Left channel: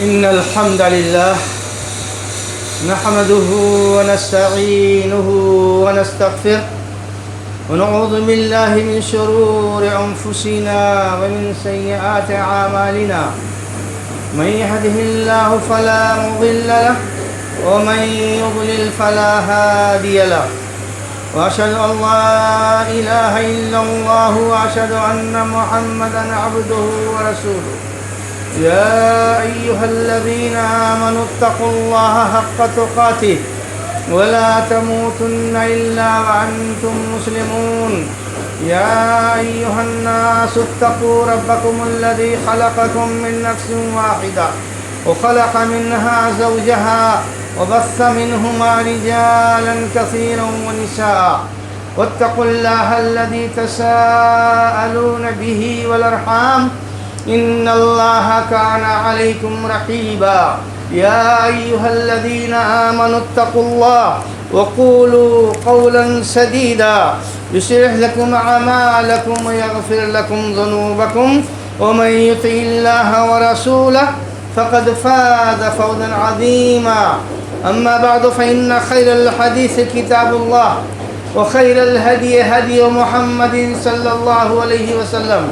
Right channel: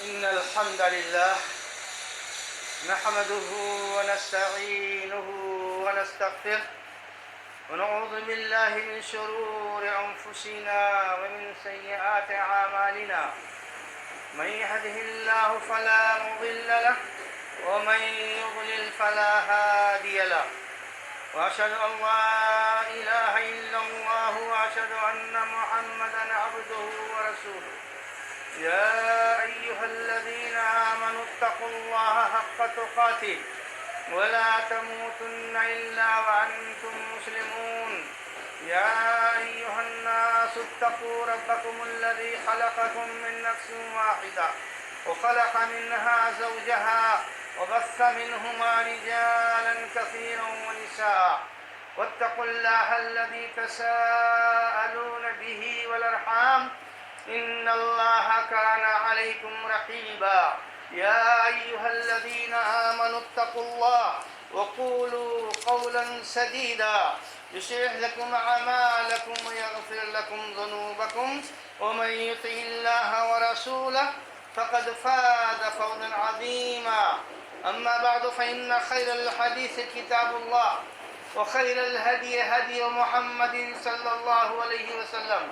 إن الحمد لله نحمده ونستعينه ونستغفره ونعوذ بالله من شرور أنفسنا ومن سيئات أعمالنا. من يهده الله فلا مضل له ومن يضلل فلا هادي له. وأشهد أن لا إله إلا الله وأشهد أن محمدا عبده ورسوله. يا أيها الذين آمنوا اتقوا الله حق تقاته ولا تموتن إلا وأنتم مسلمون. يا أيها الناس اتقوا ربكم الذي خلقكم من نفس واحدة وخلق منها زوجها وبث منهما رجالا كثيرا ونساء. واتقوا الله الذي تساءلون به والأرحام إن الله كان عليكم رقيبا. يا أيها الذين آمنوا اتقوا الله وقولوا قولا سديدا يصلح لكم أعمالكم ويغفر لكم ذنوبكم ومن يطع الله ورسوله فقد فاز فوزا عظيما. أما بعد فإن خير الحديث كتاب الله وخير الهدي هدي محمد صلى الله عليه وسلم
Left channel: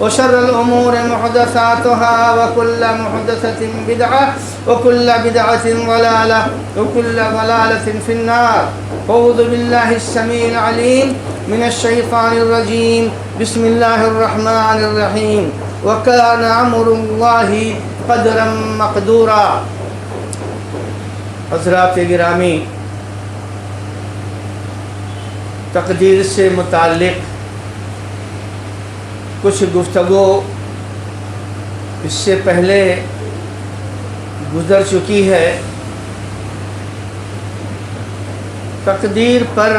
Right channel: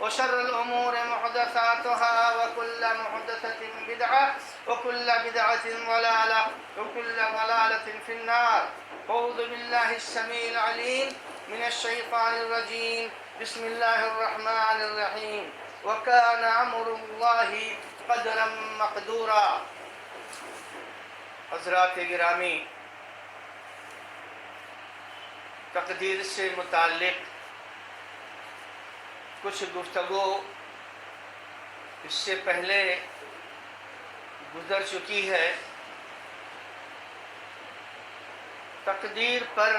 وشر الأمور محدثاتها وكل محدثة بدعة وكل بدعة ضلالة وكل ضلالة في النار. أعوذ بالله السميع العليم من الشيطان الرجيم. بسم الله الرحمن الرحيم. وكان أمر الله قدرا مقدورا. حضرات گرامی، تقدیر سے متعلق کچھ گفتگو اس سے پہلے گزر چکی ہے. تقدیر پر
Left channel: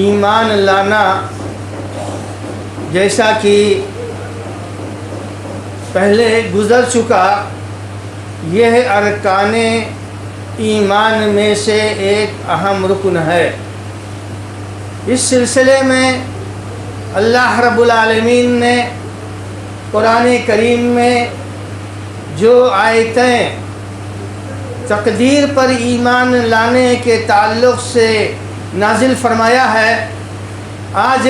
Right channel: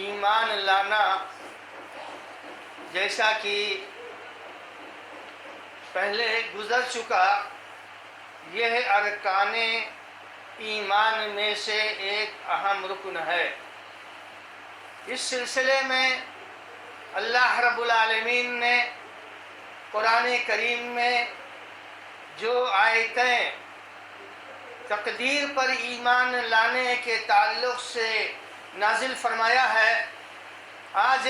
ایمان لانا، جیسا کہ پہلے گزر چکا، یہ ارکان ایمان میں سے ایک اہم رکن ہے. اس سلسلے میں اللہ رب العالمین نے قرآن کریم میں جو آیتیں تقدیر پر ایمان لانے کے تعلق سے نازل فرمایا ہے، آج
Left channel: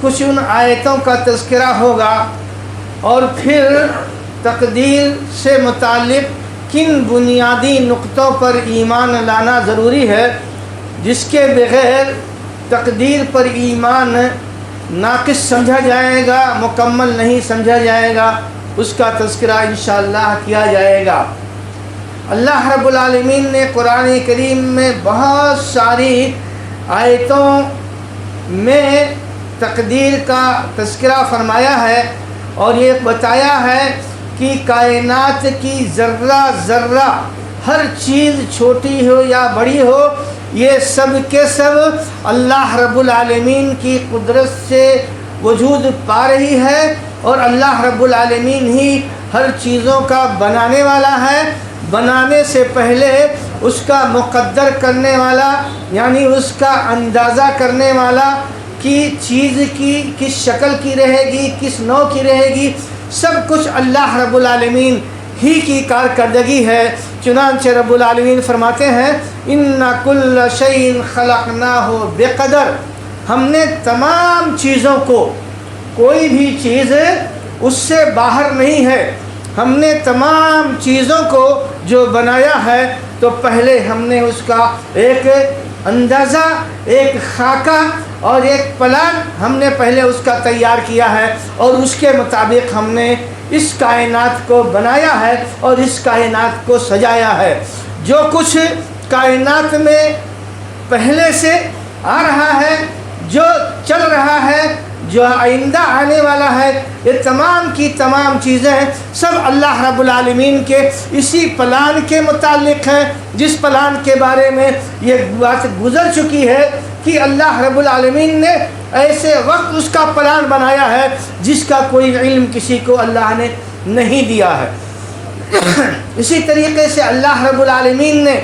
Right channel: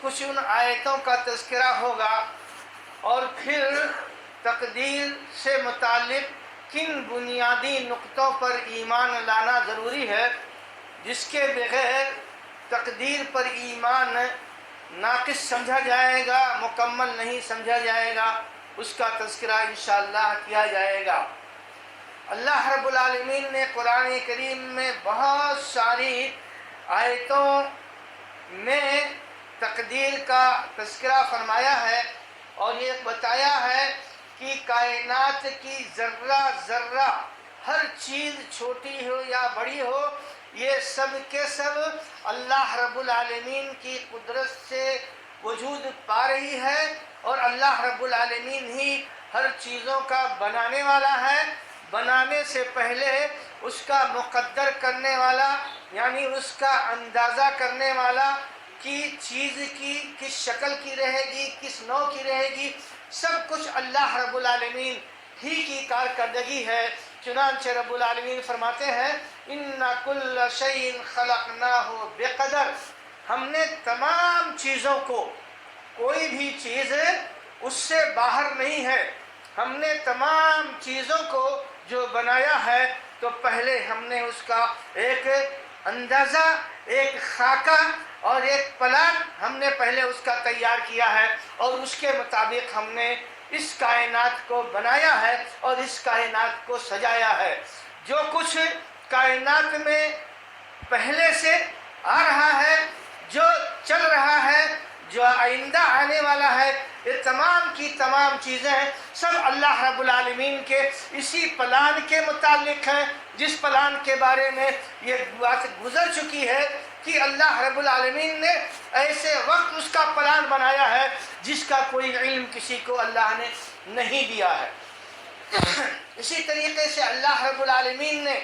کچھ ان آیتوں کا تذکرہ ہوگا اور پھر تقدیر سے متعلق کن بنیادی نقطوں پر ایمان لانا ضروری ہے جس کے بغیر تقدیر پر ایمان ناقص سمجھا جائے گا، مکمل نہیں سمجھا جائے گا، اس کا تذکرہ انشاءاللہ کیا جائے گا. اللہ رب العالمین نے قرآن کریم میں بہت ساری آیتوں میں تقدیر کا تذکرہ فرمایا ہے اور یہ بتایا ہے کہ کائنات کی ذرہ ذرہ، ہر چیز چھوٹی ہو یا بڑی ہو، یہ سب کے سب اللہ رب العالمین کی قدرت سے وجود پا رہی ہے اور اللہ رب العالمین ہی ہر چیزوں کا بنانے والا ہے. بنانے سے پہلے اس کا مقدر کرنے والا، یعنی اس کا اندازہ کرنے والا کہ چیز کی کس شکل کی رہے گی، کس نوع کی رہے گی، سب کچھ اللہ رب العالمین ہی کی کارکردگی ہے. چنانچہ رب العالمین فرماتے ہیں اِنَّ كُلَّ شَيْءٍ خَلَقْنَاهُ بِقَدَرٍ. ہم نے تمام چیزوں کو، کوئی بھی چیز اس سے باہر نہیں ہے، ہم نے تمام چیزوں کو جو بنایا ہے تو پہلے ہم نے اس کا ایک اندازہ، ایک خاکہ اور ایک پلان ہم نے پہلے اس کا تیار کیا ہے اور اس کے مطابق ہم نے اس کائنات کو بنایا ہے اور اس کائنات کو سجایا ہے. جو کچھ کائنات میں پہلے سے آ رہا ہے، جو چل رہا ہے، جو آئندہ آنے والا ہے، یہ تمام کی تمام چیزیں سب اللہ رب العالمین کے اسی پلان کے متعلق ہیں، جس پلان کے بارے میں یہ بات گزر چکی ہے کہ اللہ رب العالمین نے ایسے وقت اس کا پلان بنایا ہے جس کا کوئی علم کسی کو اللہ نے نہیں دیا ہے. اسی طریقے سے اللہ رب العالمین نے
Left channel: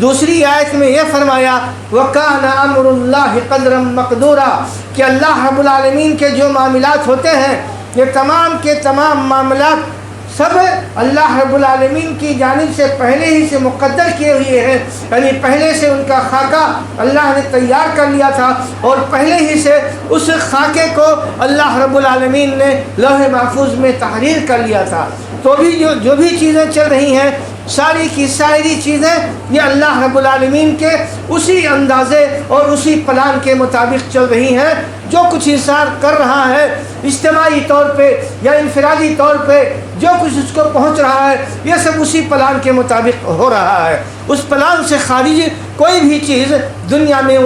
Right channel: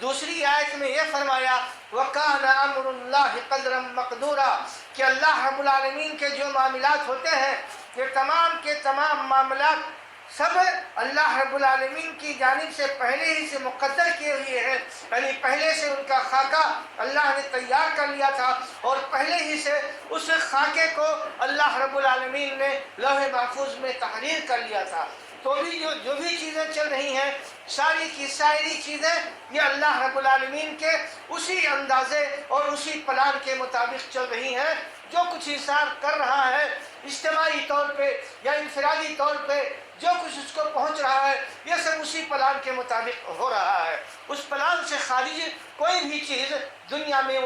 دوسری آیت میں یہ فرمایا وَكَانَ أَمْرُ اللَّهِ قَدْرًا مَقْدُورًا کہ اللہ رب العالمین کے جو معاملات ہوتے ہیں یہ تمام کے تمام معاملات سب اللہ رب العالمین کی جانب سے پہلے ہی سے مقدر کیے ہوئے ہیں، یعنی پہلے سے ان کا خاکہ اللہ نے تیار کر لیا تھا، اور پہلے ہی سے اس خاکے کو اللہ رب العالمین نے لوح محفوظ میں تحریر کر لیا تھا۔ تو بھی جو بھی چیزیں چل رہی ہیں، ساری کی ساری چیزیں یہ اللہ رب العالمین کے اسی اندازے اور اسی پلان کے مطابق چل رہی ہیں۔ جو کچھ انسان کر رہا ہے اجتماعی طور پہ یا انفرادی طور پہ، جو کچھ اس کو پہنچ رہا ہے، یہ سب اسی پلان کے مطابق ہو رہا ہے۔ اس پلان سے خارج کوئی بھی چیز دنیا میں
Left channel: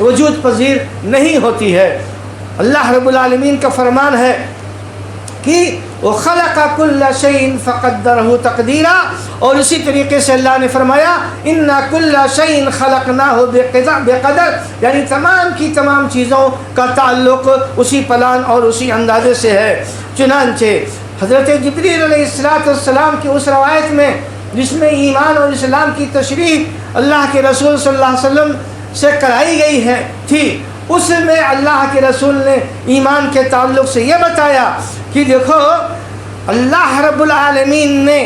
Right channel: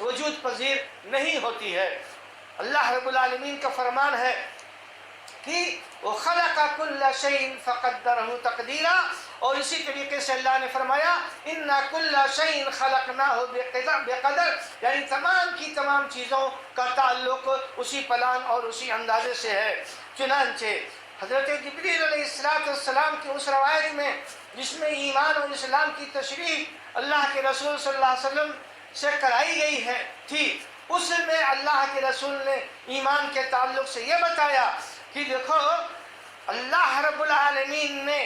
وجود پذیر نہیں ہوتی ہے۔ اللہ رب العالمین کا فرمان ہے کہ وَخَلَقَ كُلَّ شَيْءٍ فَقَدَّرَهُ تَقْدِيرًا، اور اسی طریقے سے اللہ نے فرمایا إِنَّا كُلَّ شَيْءٍ خَلَقْنَاهُ بِقَدَرٍ، یعنی تمام کی تمام چیزوں کا تعلق اسی پلان اور اسی اندازے سے ہے۔ چنانچہ حضرت جبریل علیہ السلام کی اس روایت میں جس میں ایمان اور اسلام کی تشریح اللہ کے رسول صلی اللہ علیہ وسلم سے کرائی گئی ہے تھی، اس میں اللہ کے رسول نے ایمان کے تعلق سے یہ بتایا کہ دیکھو اللہ رب العالمین نے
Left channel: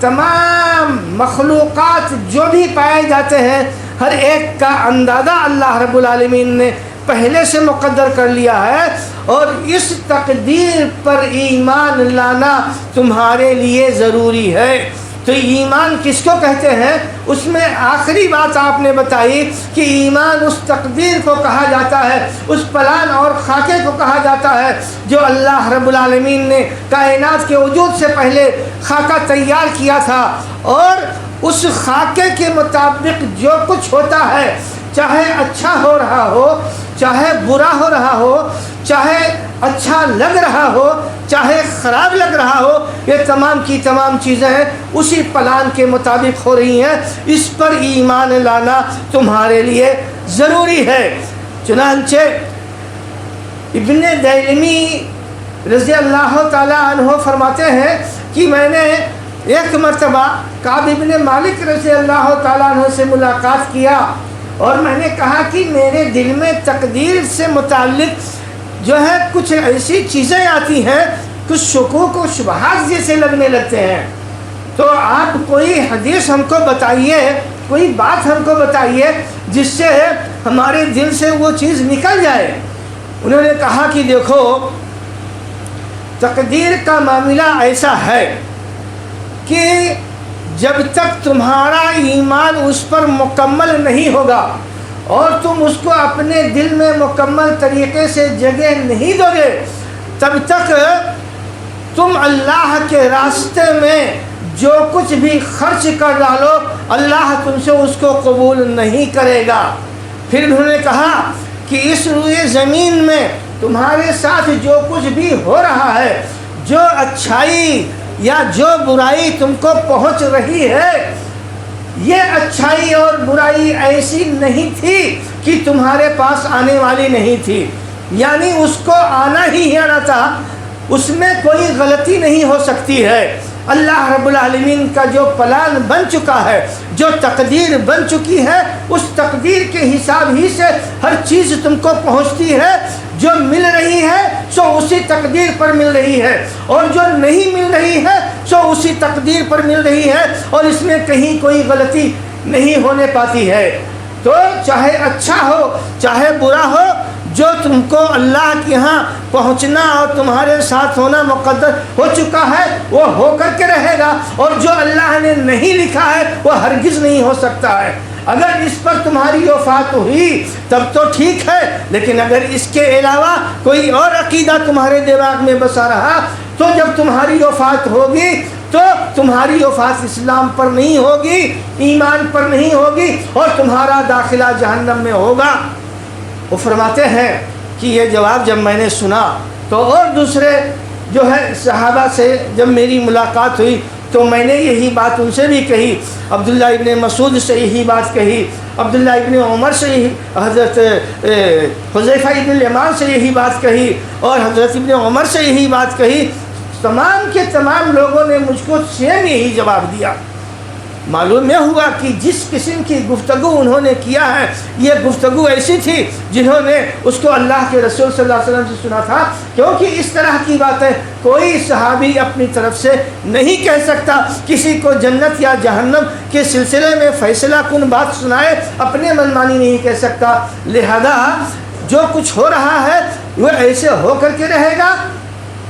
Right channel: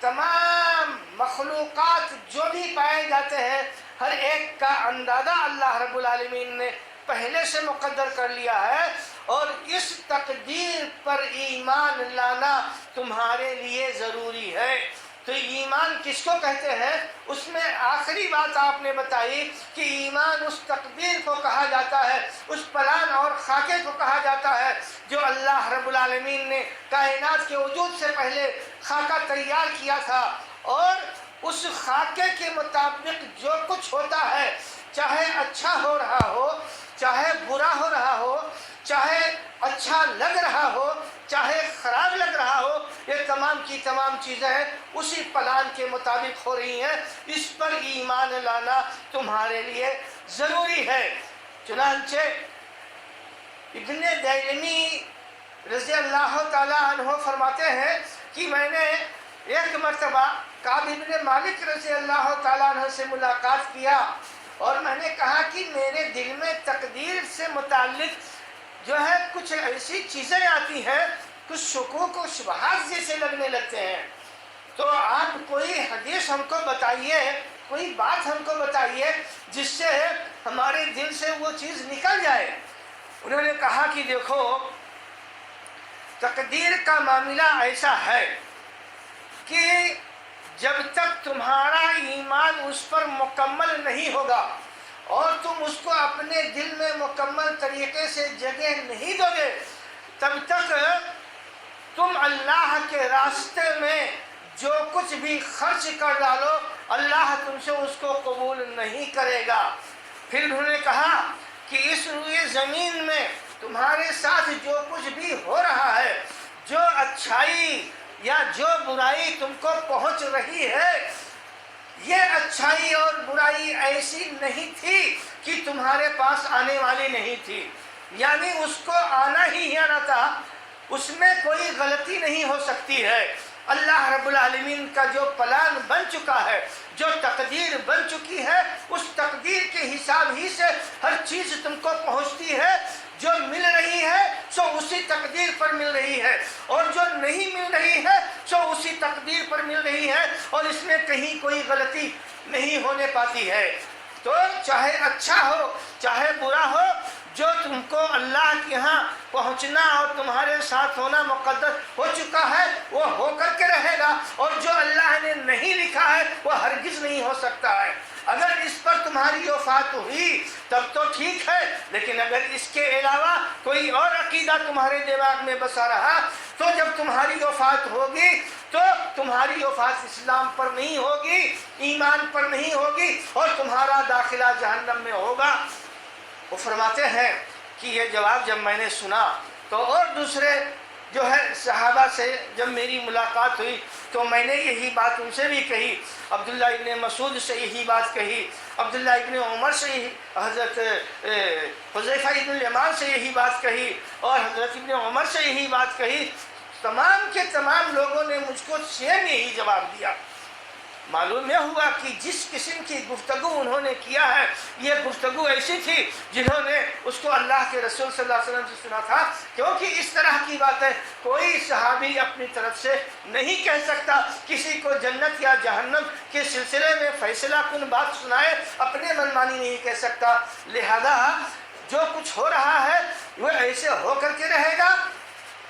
تمام مخلوقات جو بھی پائے جاتے ہیں ہر ایک کا اندازہ اللہ رب العالمین نے پہلے سے مقدر کر لیا ہے، اور اس تقدیر پر ایمان لانا تمہارے لیے ضروری ہے۔ تو ایمان کس کو کہتے ہیں؟ اس میں آخری بات آپ نے بتائی کہ ایمان اس تقدیر کو کہا جاتا ہے، اس پلان اور خاکے کو کہا جاتا ہے جو اللہ رب العالمین نے کائنات کے وجود سے پہلے خاکہ تیار کیا تھا، اور اس خاکے کے مطابق جو کچھ ہوتا ہے، چاہے اچھا ہو رہا ہو، چاہے برا ہو رہا ہو، چاہے اچھا لگ رہا ہو، چاہے خراب لگ رہا ہو، یہ تمام کی تمام چیزیں اسی پلان کے مطابق ہو رہی ہیں۔ اس پر ایمان لانا تمہارے لیے ضروری ہے۔ چنانچہ ابن دیلمی رضی اللہ تعالی عنہ فرماتے ہیں کہ میں نے ایک مرتبہ کعب ابن مالک رضی اللہ تعالی عنہ سے ملاقات کیا، اور میں نے کہا کہ میرے دل میں تقدیر سے متعلق جو ہے کچھ ایسی چیزیں آتی ہیں، کچھ شکوک و شبہات جیسے لگنے لگتے ہیں، تو آپ کوئی حدیث ہم کو بتائیے، کوئی بات ہم کو بتائیے جس سے ہمارے دل سے وہ چیز نکل جائے۔ انہوں نے کہا کہ دیکھو تقدیر کا معاملہ ایسا ہے کہ جب تک تمہارا ایمان اس پر مکمل نہیں ہوگا اور تم اس کو اپنے دل میں مکمل طریقے سے جگہ نہیں دو گے، تب تک تم اللہ کے راستے میں جو کچھ بھی خرچ کر ڈالو اللہ تم سے اس کو قبول نہیں کرے گا۔ پھر انہوں نے کہا کہ اس روئے زمین میں تمہارے ساتھ جو کچھ بھی ہو رہا ہے، جو اچھائی یا جو برائی تم کو پہنچ رہی ہے، یہ اچھائی اور برائی ایسی نہیں تھی کہ تمہارے پاس آنے والی نہیں تھی، یعنی اس کو آنا ہی آنا تھا، اس میں کوئی غلطی نہیں ہو سکتی ہے۔ اللہ رب العالمین کا جو پلان بن چکا ہے، جو تقدیر بن چکی ہے، اس تقدیر کے حساب ہی سے ہر چیز تم کو پہنچتی ہے۔ جو مل رہی ہے سو اسی تقدیر پر مل رہی ہے، اور جو نہیں مل رہی ہے سو اسی تقدیر پر مل رہی ہے، اور اس میں کہیں کوئی غلطی نہیں ہونے پاتی ہے۔ تو چاہے اچھا ہو چاہے برا ہو، جو تم کو اللہ کے ہاں پہنچنا اور تمہارے ساتھ ہونا مقدر ہو چکا ہے وہ ہو کر کے رہے گا، اور جو اللہ نے نہیں لکھا ہے وہ ہرگز نہیں ہو سکتا ہے۔ اگر اس پر تمہاری وفات ہوئی تب تو ٹھیک ہے، لیکن اگر اس کے علاوہ کوئی اور عقیدہ تمہارے دماغ میں بسا رہا تو جب تمہاری وفات ہوگی تو تمہاری وفات اسلام پر نہیں ہوگی، ایمان پر نہیں ہوگی، اور تمہارا داخلہ جہنم میں ہوگا۔ وہ فرماتے ہیں کہ یہ جواب جب میں نے سنا تو اور دوسرے جو ہے صحابہ سے جب میری ملاقات ہوئی تو میں نے یہی بات ان سے بھی کہی، عبداللہ ابن مسعود سے یہی بات کہی، عبداللہ ابن عمر سے یہی، حضرت حذیفہ ابن الیمان سے یہی بات کہی، اور حضرت ابن عمر سے یہی بات کہی۔ تمام کے تمام لوگوں نے مجھ کو سیم یہی جواب دیا۔ معلوم یہ ہوا کہ جس قسم کی گفتگو انہوں نے کیا ہے یہ گفتگو ایسی تھی جنہوں نے اس کو اللہ کے رسول صلی اللہ علیہ وسلم سے سنا تھا، کیونکہ اس طرح کی باتیں کوئی صحابی اپنی طرف سے نہیں کہہ سکتا، کسی کو جنت یا جہنم کے سلسلے میں فیصلہ کن بات سنائے اپنے منمانی نہیں کہہ سکتا۔ لہذا جو کچھ ہو رہا ہے وہ ایسے ہو کر کے رہے گا۔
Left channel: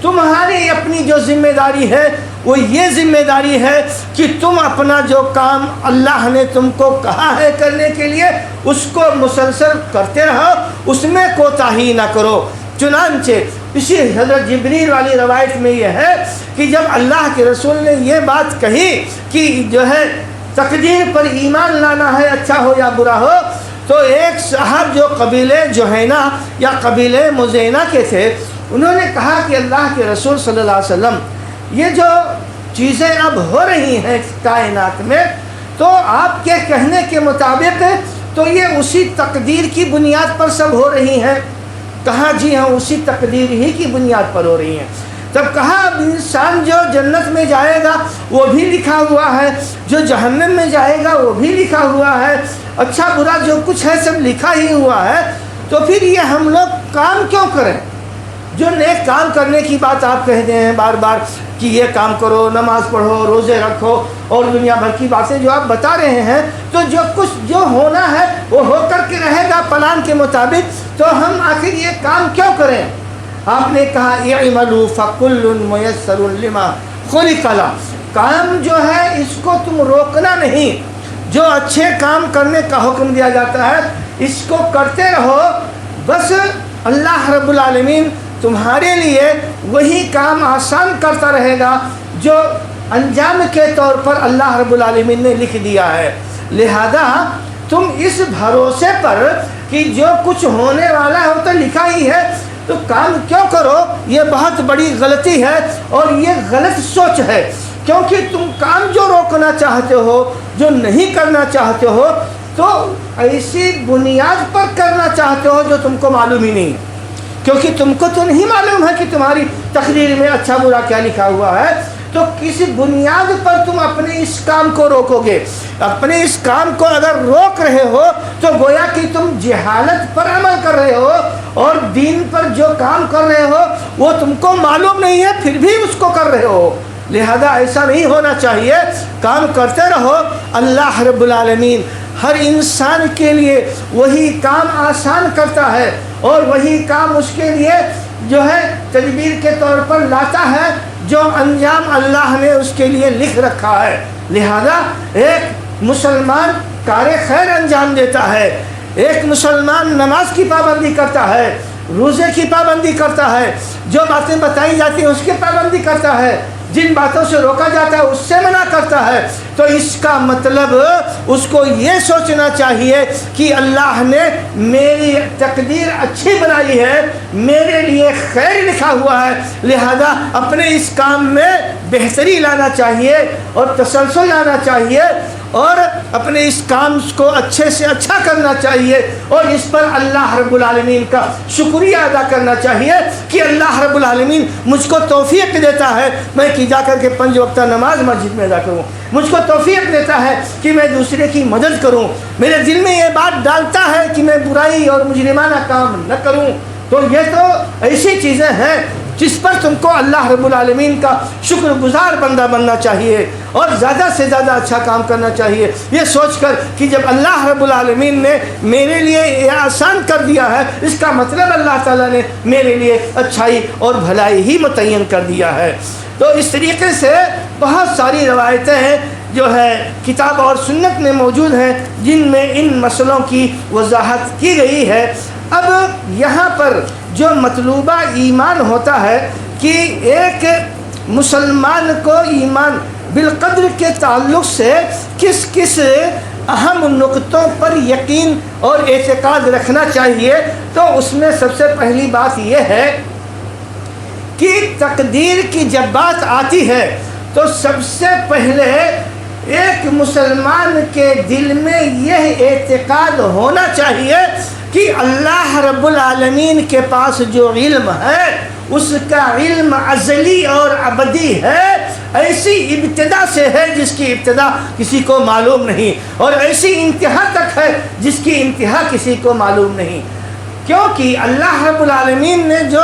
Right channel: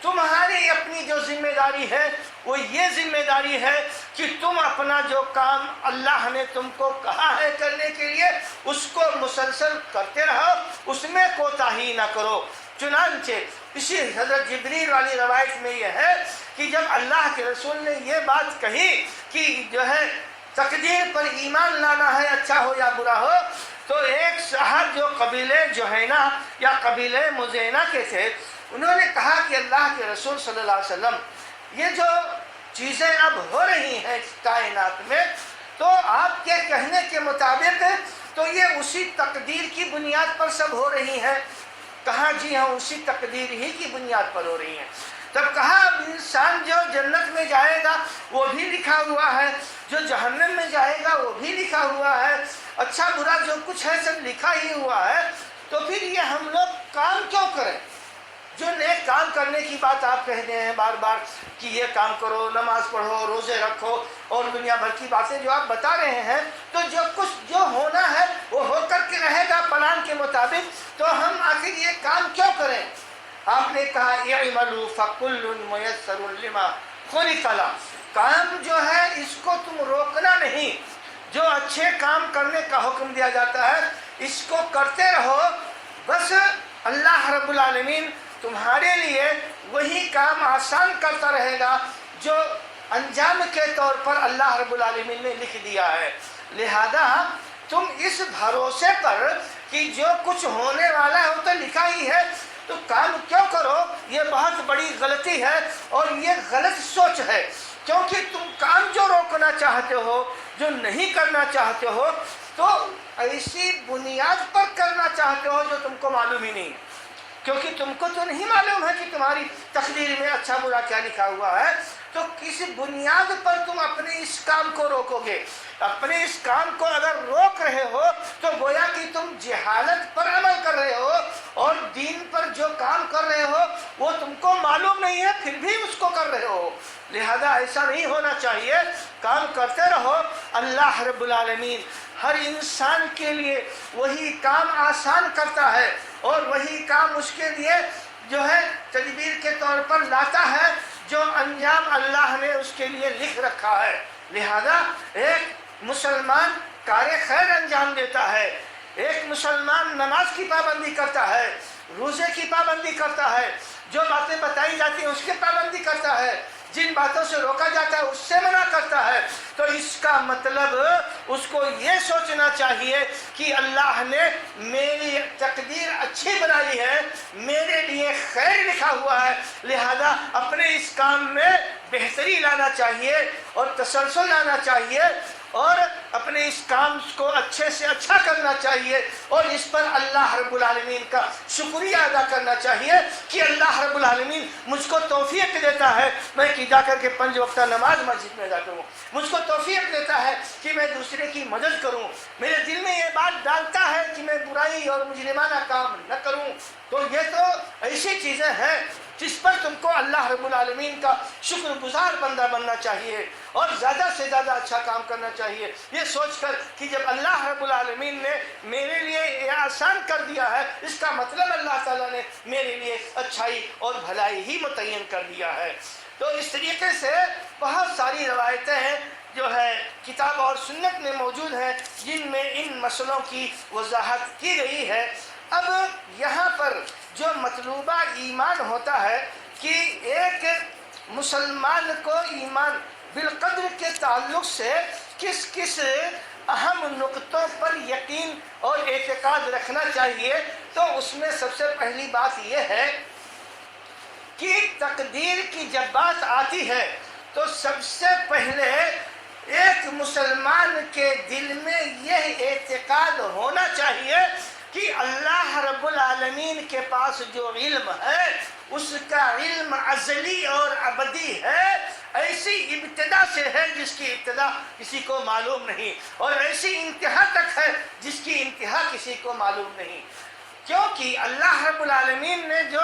تمہاری اپنی جو ذمہ داری ہے وہ یہ ذمہ داری ہے کہ تم اپنا جو کام اللہ نے تم کو کہا ہے کرنے کے لیے اس کو مسلسل کرتے رہو، اس میں کوتاہی نہ کرو۔ چنانچہ اسی حضرت جبریل والی روایت میں یہ ہے کہ جب اللہ کے رسول نے یہ بات کہی کہ جو ہے تقدیر پر ایمان لانا ہے، اچھا ہو یا برا ہو، تو ایک صاحب جو قبیلے جوہینہ یا قبیلے مزینہ کے تھے، انہوں نے کہا کہ اللہ کے رسول صلی اللہ علیہ وسلم یہ جو چیزیں اب ہو رہی ہیں کائنات میں تو آپ کے کہنے کے مطابق تو یہ اسی تقدیر کی بنیاد پر سب ہو رہی ہیں۔ کہا جی ہاں اسی تقدیر ہی کی بنیاد پر ہو رہی ہیں۔ تب کہا اب انسان جو جنت میں جائے گا وہ بھی لکھا ہوا ہے، جو جہنم میں جائے گا وہ بھی لکھا ہوا ہے، اچھا برا جو کچھ ہے سب لکھا ہی ہوا ہے، تو پھر یہ ہم لوگ کام کیوں کریں؟ جو نیک کام کرنے کی بات آپ کہتے ہیں بار بار کہ یہ کام کرو، نماز پڑھو، روزے رکھو اور دنیا بھر کی باتیں جو آپ بتا رہے ہیں، تو جو کچھ جو ہونا ہے وہ ہو کر کے رہے گا پلان کے مطابق، تو ہم آخر یہ کام کیوں کریں؟ آپ نے کہا اعملوا فکل میسر لما خلق لہ، کام جو ہے اس کو تم روکنا نہیں، جو اچھے کام کرنے کا حکم دیا جاتا ہے اس کو کرتے رہو، بس اللہ رب العالمین تمہارے لیے وہی کام آسان کرتا رہے گا جو انجام کے طور پر اللہ رب العالمین نے لکھ دیا ہے۔ لہذا تم اس بھروسے پر کہ جو کچھ ہونے والا ہے وہ تو لکھا ہی ہے، تو کام کیوں کرو؟ یہ بہت بڑی غلطی ہے اور یہ غلط سوچ ہے، کیونکہ تم کام جو روکنا چاہتے ہو، جو نہیں کرنا چاہتے ہو، تو ایسی بنیاد پر کرنا چاہتے ہو جو تم کو معلوم ہی نہیں ہے، کیونکہ تم کو تو نہیں معلوم ہے کہ تمہاری تقدیر میں اچھا برا کیا لکھا ہوا ہے، تو کسی بنیاد پر تم اپنے اس کام کو روکو گے۔ اپنے اس کام کو اگر روک رہے ہو تو گویا کہ تم جہالت پر عمل کر رہے ہو اور دین پر جو کام کر رہے ہو وہ تم کو معلوم نہیں ہے پھر بھی اس کو کر رہے ہو۔ لہذا ایسا نہیں ہونا چاہیے، کام کرتے رہو۔ اللہ رب العالمین ہر انسان کے لیے وہی کام آسان کرتا ہے اور وہی کام اس کے لیے جو ہے تدبیر کے طور پر لاتا ہے جو انجام اللہ نے اس کے لیے لکھ رکھا ہے۔ لہذا ایک مسلمان کار خیر انجام دیتا ہے، ایک مسلمان نماز کی پابندی کرتا ہے، روزے کی پابندی کرتا ہے، جو باتیں بتائی جاتی ہیں اس کی پابندی کرتا ہے، جن باتوں سے روکا جاتا ہے اس سے منع کرتا ہے، تو اس کا مطلب اس کو یہ سوچنا چاہیے کہ اللہ نے میری تقدیر اچھی بنائی ہے، میرے لیے خیر لکھا ہوا ہے، لہذا اپنے اس کام میں بہتری لانا چاہیے اور تسلسل لانا چاہیے اور اپنے اس کام کو اچھے سے اچھا کرنا چاہیے اور اس پر اللہ رب العالمین کا شکریہ ادا کرنا چاہیے کہ اللہ رب العالمین مجھ کو توفیق دیتا ہے میں کہ جا کر کے 5 وقتہ نماز مسجد میں ادا کروں، مجھ کو توفیق دیتا ہے کہ میں دوسرے کی مدد کروں، میرے دل میں یہ بات ڈالتا ہے کہ میں برائی اور مجرمانہ کام نہ کروں۔ تو یہ تو ایسی چیزیں ہیں جس پر تم کو اللہ رب العالمین کا شکر گزار بندہ بننا چاہیے اور زیادہ سے زیادہ اچھا کام کرنا چاہیے، یہ سوچ کر کہ جب اللہ رب العالمین نے میرے لیے یہ آسان کر دیا ہے اس کا مطلب اللہ تعالیٰ نے میرے لیے اچھائی اور بھلائی ہی متعین کر دیا ہے۔ تو اس طریقے سے بہت ساری روایتیں ہیں جو ہے کتاب اور سنت میں موجود ہیں جن میں ان مسئلوں کی وضاحت کی گئی ہے۔ اب یہاں پر جو مطلوبہ ایمان ہوتا ہے کہ ایک مسلمان کو ایمان بالقدر کے تعلق سے کس کس اہم نقطوں پر یقین اور اعتقاد رکھنا چاہیے، تو اس میں سب سے پہلی بات یہ ہے کہ تقدیر کی جب بات آتی ہے تو سب سے پہلے ایک مسلمان کے دل میں یہ اعتقاد ہونا چاہیے کہ اللہ رب العالمین کے پاس جو علم ہے اس کا علم ازلی اور ابدی ہے، ایسی ابتدا سے ہے جس کی ابتدا کسی کو معلوم نہیں، اور ایسی انتہا تک ہے جس کی انتہا کسی کو معلوم نہیں، کیونکہ اللہ رب العالمین نے جو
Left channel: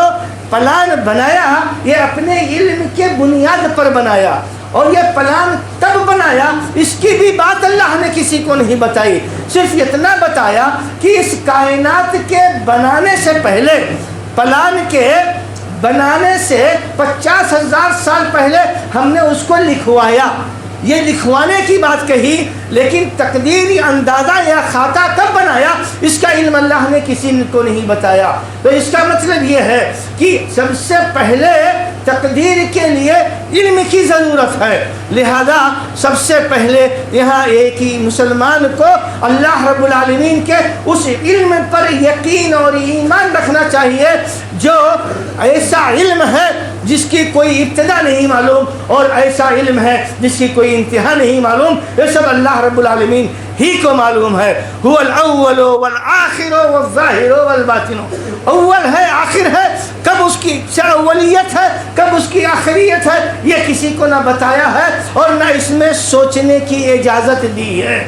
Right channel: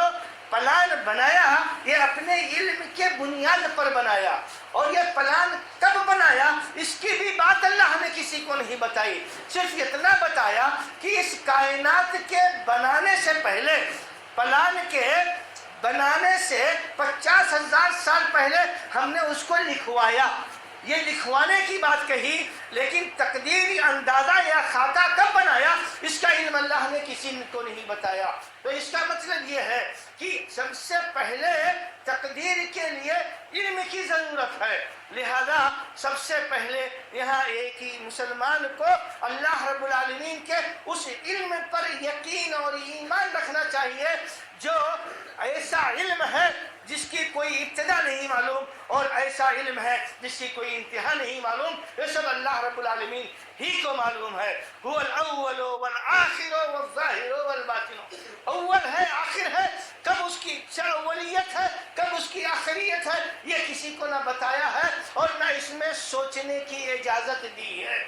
پلان بنایا یہ اپنے علم کے بنیاد پر بنایا، اور یہ پلان کب بنایا اس کی بھی بات اللہ نے کسی کو نہیں بتائی، صرف اتنا بتایا کہ اس کائنات کے بنانے سے پہلے، پلان کے بنانے سے 50,000 سال پہلے ہم نے اس کو لکھوایا۔ یہ لکھوانے کی بات کہی، لیکن تقدیری اندازہ یا خاکہ کب بنایا اس کا علم اللہ نے کسی کو نہیں بتایا۔ تو اس کا مطلب یہ ہے کہ سب سے پہلے تقدیر کے لیے علم کی ضرورت ہے، لہذا سب سے پہلے یہاں ایک ہی مسلمان کو اللہ رب العالمین کے اس علم پر یقین اور ایمان رکھنا چاہیے جو ایسا علم ہے جس کی کوئی ابتدا نہیں معلوم، اور ایسا علم ہے جس کی کوئی انتہا نہیں معلوم، یہ سب اللہ رب العالمین ہی کو معلوم ہے۔ هو الاول والآخر والظاہر والباطن، اول ہے آخر ہے، کب اس کی اولیت ہے کب اس کی آخریت ہے یہ کسی کو نہ بتایا ہے اور نہ اس میں سوچنے کی اجازت دی ہے،